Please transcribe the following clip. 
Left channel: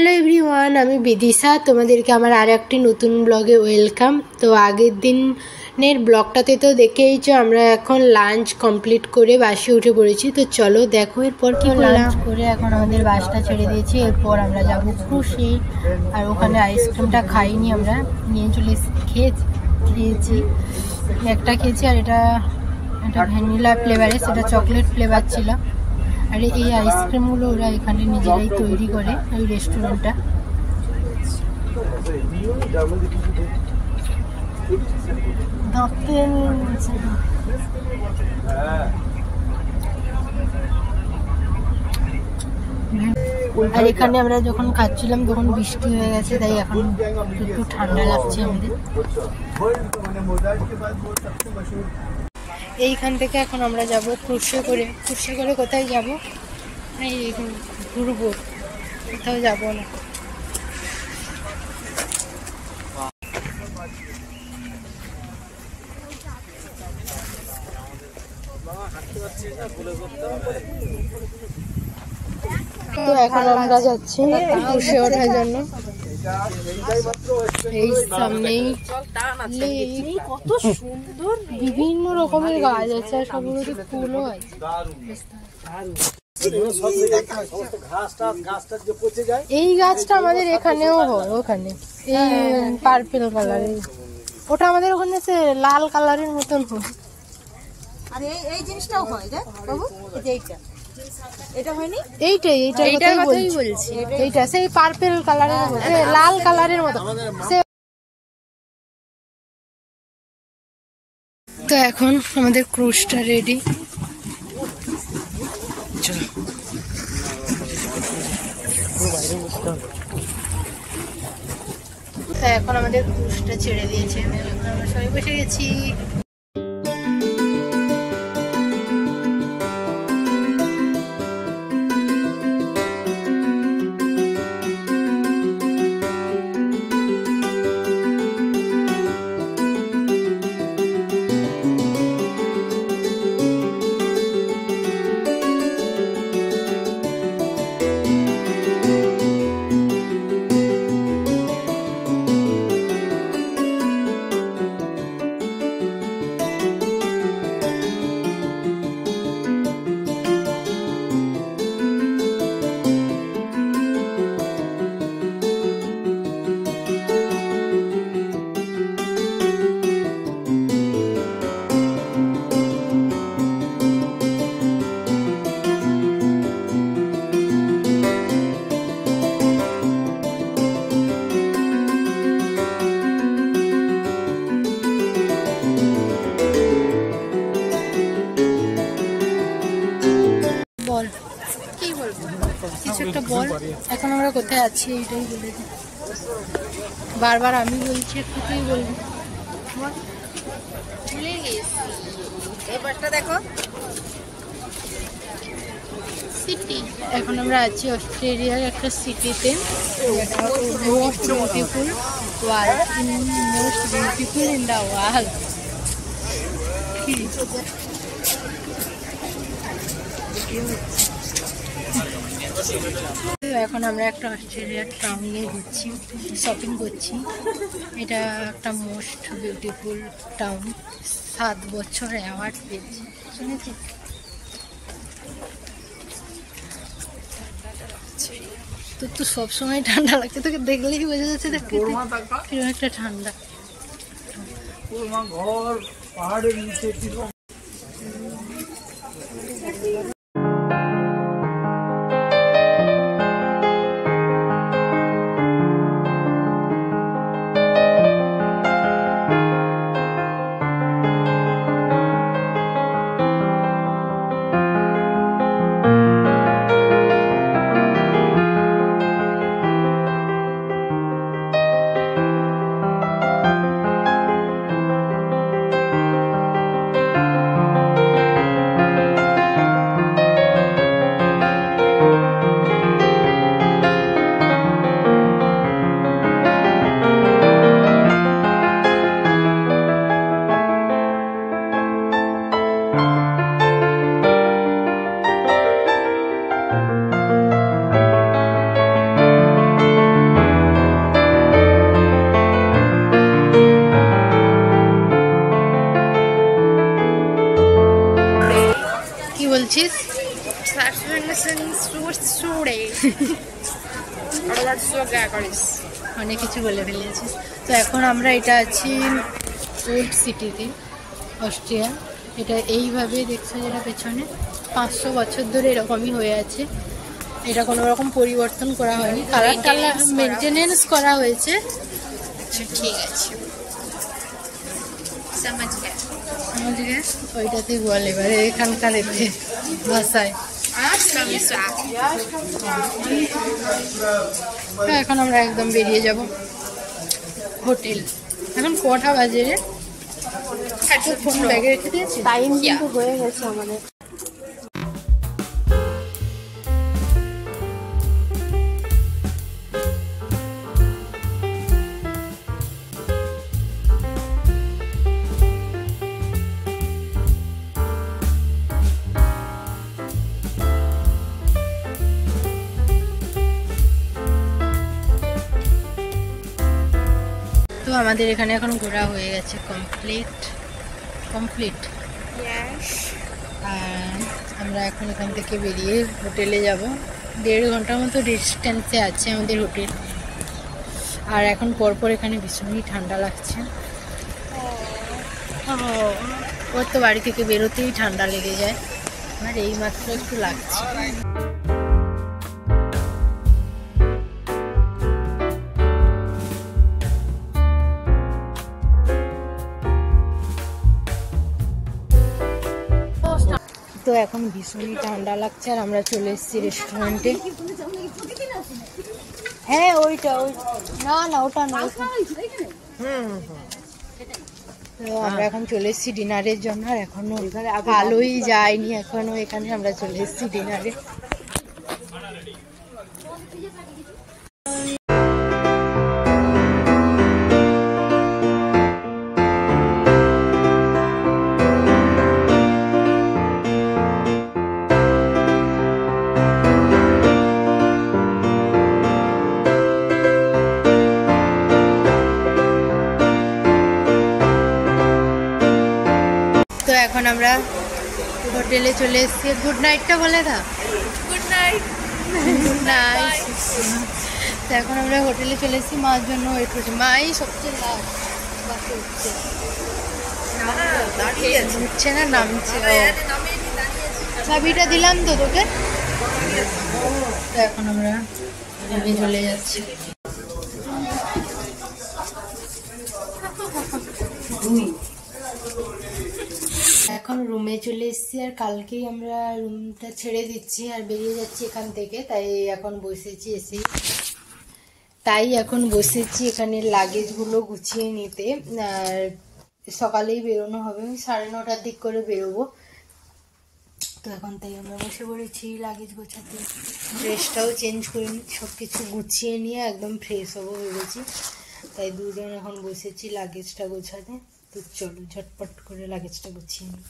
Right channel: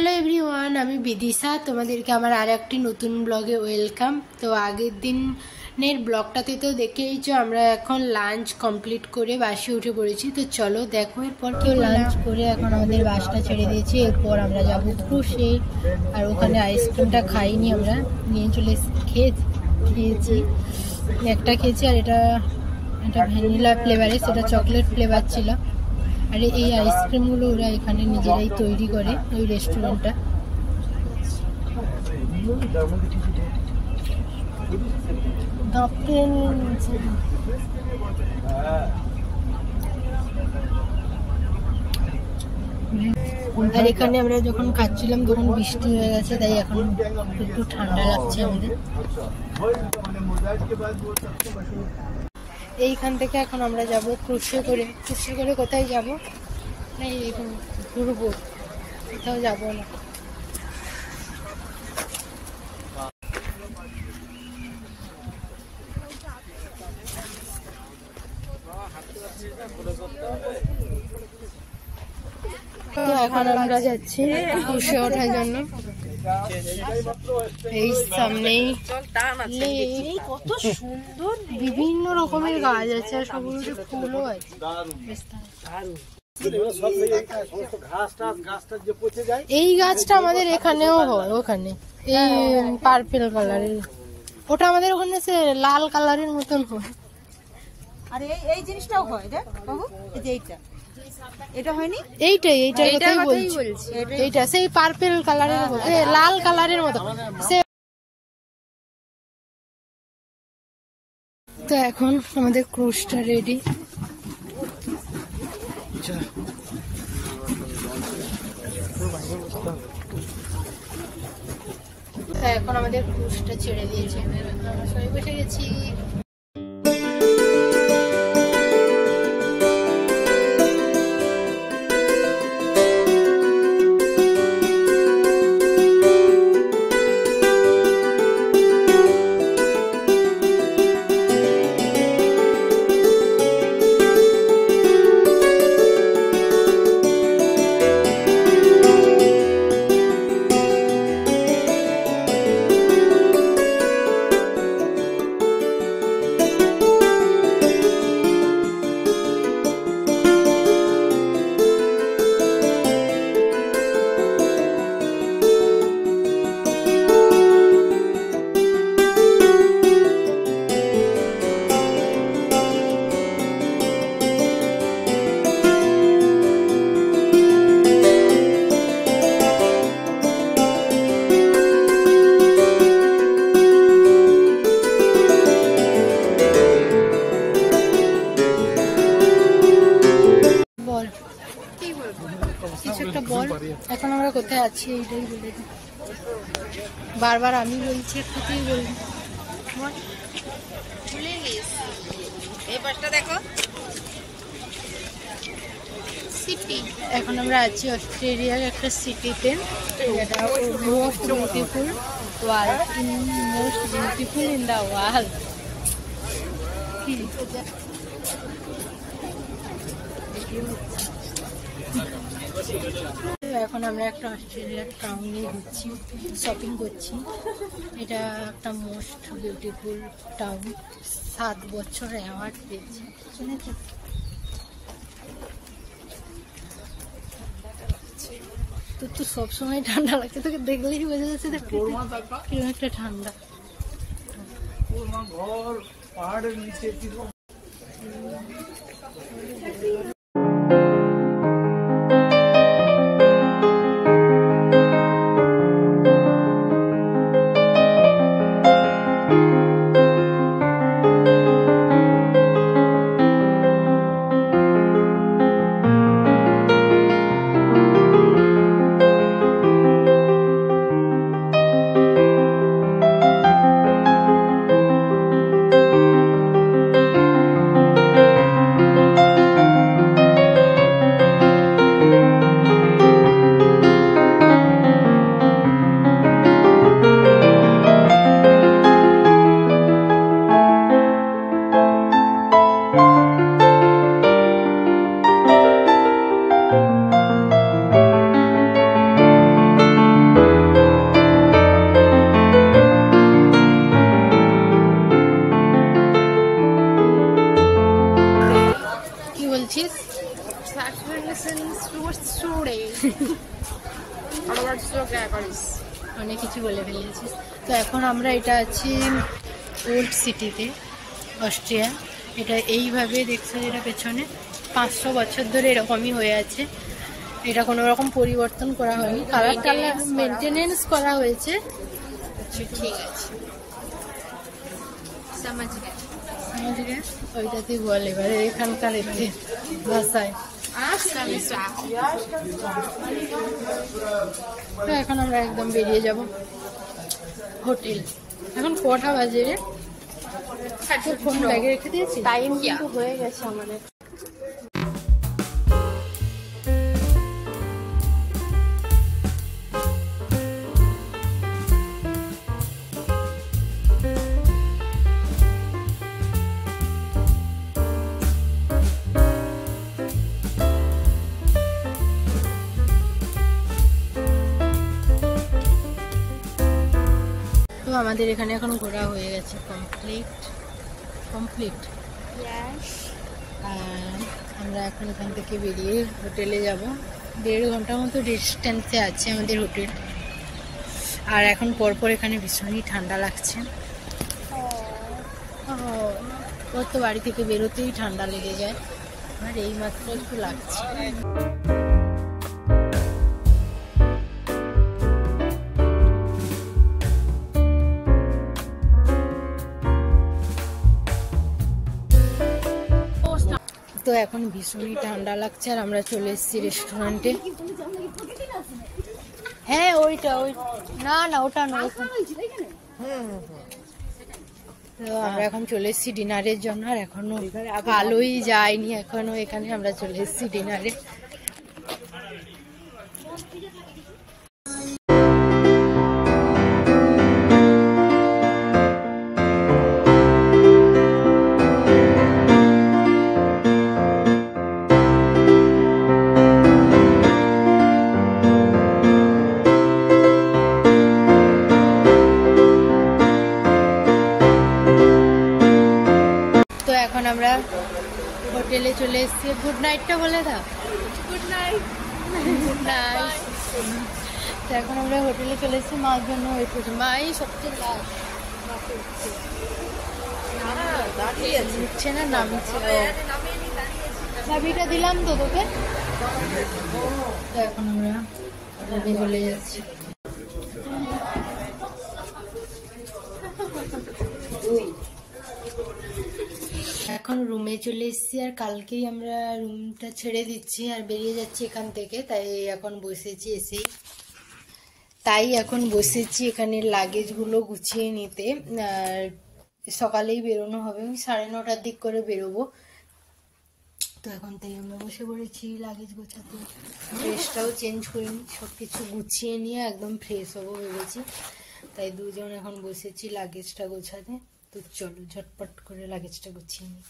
Hello everyone, আমি বিদিশা। তোমাদেরকে আমার আর একটি নতুন ব্লগে ওয়েলকাম। তো আগের দিনের ব্লগটাতে তো দেখেইছো আমরা এখন লাঞ্চ কমপ্লিট করে বাসে উঠে পড়েছি। তো চলো দেখো এরপর কি লাঞ্চ করে এখন আমাদের বাসটা ছেড়ে দিয়েছি। এরপর আমরা যাবো ক্রুশে, আর ওখানে আইসক্রিমটা খাইনি, আমরা নিয়ে চলে খেয়েছি। একটা খেয়েছি, আর এটা ভ্যানিলা ফ্লেভারের, সেটা চকলেট ফ্লেভার ছিল। আর এই আইসক্রিমগুলো ওরা এখানে নিজেরাই তৈরি করে, ওই রেস্টুরেন্টটা। আর এখানে আমরা যখন খাচ্ছিলাম তখন বৃষ্টি হয়ে গেছে, তাই এখন একটু ঠান্ডা লাগছে আমাদের। এইখান থেকে এখন আমরা যাব ক্রুশে করে। ক্রুশে করে কোথায় যাব? এই ঘুরবো, কোথাও যাবো না। তো এখন আমরা যাচ্ছি ক্রুশে ওঠার জন্য। এই সামনেই কত সুন্দর বিভিন্ন রকমের গাছ আছে, আর সবগুলোতে ফুলও আছে। এই গাছটা আমাদের এখানেও হয়, ওখানে পার্পেল কালারের। ওটা আমাদের ওখানে লাল কালারের মতন হয়। আর এই জিনিসটাও হয় রে বাবু, এইটা এটা হয়নি, এইটাই কথাই বলছি। এইটা সেই পার্পেল কালারের, লাল কালারের মতো। তো এখন আমাদের ক্রুজটা রেডি। এখন আমাদের ক্রুজটা ছেড়ে দিয়েছে, আমরা সবাই বসে গেছি। এখন আমরা কোথায় আছি এটাই বলি, বারবার আমি বলছি, একটুতেই বলবো। দেখো সিটি। এখন আমরা আছি অস্ট্রেলিয়ার একটা সিটিতে, most beautiful in the world. এখন আমরা একটা অস্ট্রেলিয়ার টাউনে ঘুরছি, শপিং করছি। এটা একটা মোস্ট বিউটিফুল টাউন, 7 বছর অ্যাওয়ার্ড পেয়েছি, শুনেছি। তোর তো সবসময় ঠান্ডা লাগছে, তোকে দেখলেই বোঝা যাচ্ছে কিরকম একটা ঠান্ডা। পাহাড়ের নিচে অনেক কিছু বলে ফেলেছিস। তো এখন আমরা এটা আছি উড সিটিতে, অস্ট্রিয়া। এটা এইভাবে দেখছো যেটা পেছনে 500 বছর ধরে এরকমই হয়ে আছে। এটা কোনো রকম পরিবর্তন করা হয়নি, কালারটা মেনটেনেন্স করা হয়েছে। ঠিক আছে, ওইটাতেই বল এবারে এখানকার ভাষায়। এখন আমরা একদম বেরিয়ে যাব হোটেল। এখন কটা বাজে? ফোন ব্যাগে রেখে দিয়েছি, টাইম কিন্তু হয়ে গেছে আমাদের। আমাদের এখানে এখন ঘোরা হয়ে গেছে কমপ্লিট। আর আমরা এখন এখান থেকে বেরিয়ে হোটেলে যাব। 1.5 ঘন্টার মতো ডিস্টেন্সে আছে আমাদের হোটেল। আর এখন পরপর এখানে ভীষণই ঠান্ডা লাগছে। ওর তো বাড়ি থেকে বেরোতেই ঠান্ডা লেগে যায়, আর এই মাত্র একটু লাগছে। তো এখন ভীষণই ঠান্ডা লাগছে আর আমরা চলে এসেছি রেস্টুরেন্টে। হ্যাঁ ওইটা না ওটা না। তো আমরা এখন চলে এসেছি ডিনারের জন্য। আর এখনো আলোই যায়নি, এখনো এখানে আমরা চলে এসেছি ডিনারে। এখন আমরা হোটেলে চলে এসেছি। গুড নাইটটা বলে দাও। Good night. তো এখন আমরা হোটেলে চলে এসেছি, মার জন্য ওয়েট করছি। মাই সবচেয়ে উঠছে না, নামছে। চাবিটা দিলাম তো তোকে। তো এখন আমরা রুমে চলে যাচ্ছি। এখন রুমে চলে এসেছি, আর কালকেই আমরা রুমটা ছেড়ে দিচ্ছি আর বেরিয়ে যাচ্ছি এখান থেকে। তাই এখন বসেছি এখানে লাগেজগুলো গুছিয়ে নিতে। আর সকালেই বেরোনো হবে, 9:30টার দিক করে বেরোবো। তো এখন তাই আমরা বসে পড়েছি লাগেজ গোছাতে। ড্রেসটাও চেঞ্জ করে নিই, সব কিছু গুছিয়ে নিয়ে একদম ফ্রেশ হবো ভেবেছি। তাই দুজন এখন বসেছি লাগেজটা গোছাতে। তো চলো ঝটপট করে লাগেজটা গুছিয়ে নিই।